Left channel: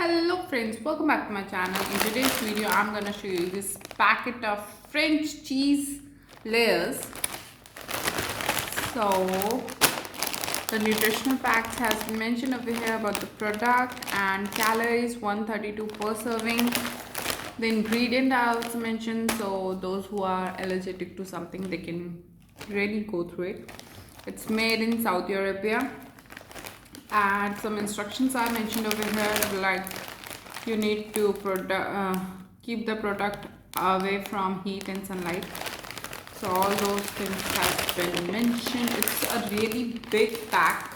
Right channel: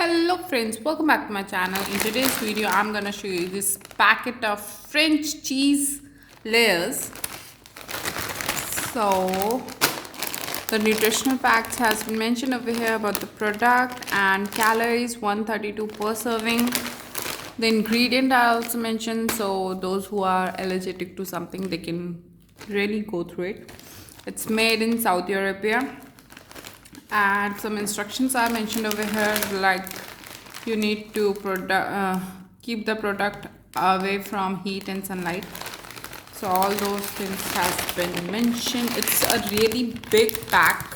Hello friends, welcome back to my channel. In today's video I'm gonna show you this packet of French cheese layers. So the nutritional facts has been mentioned over here about the product, and calories 132 per serving. The ingredient are also mentioned, so those who are allergic to something, they can really go through it. It's made in Saudi Arabia, and some instructions are mentioned over here, like you need to keep the product away from heat and sunlight. So all those things have been mentioned. It's a really big pack,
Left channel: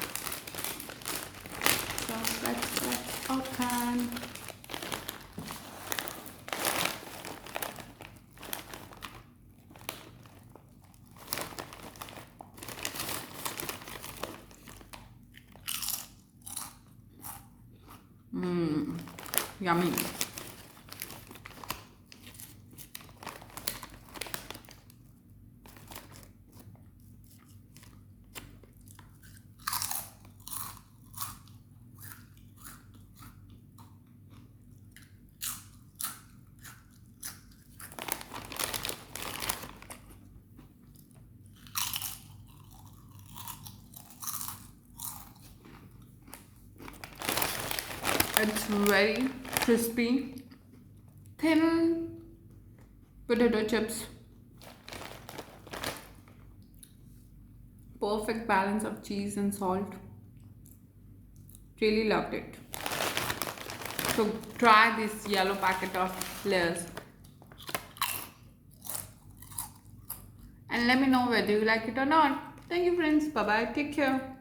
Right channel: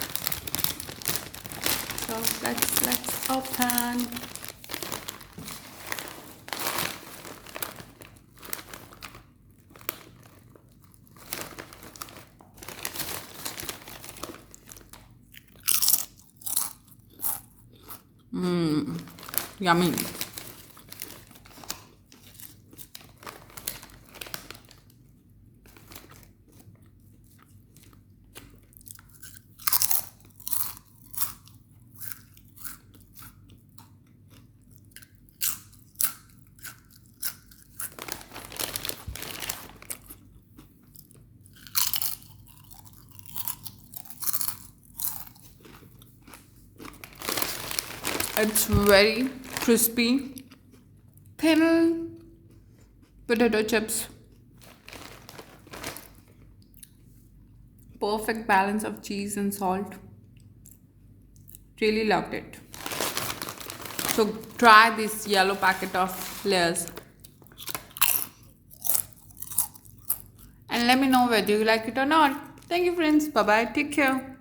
so let's open. Yummy. It's very crispy, thin potato chips. Perfect balance of cheese and salt. Really loved it. So try this yellow packet of layers and let me know whether you like it or not. Thank you friends. Bye bye. Take care.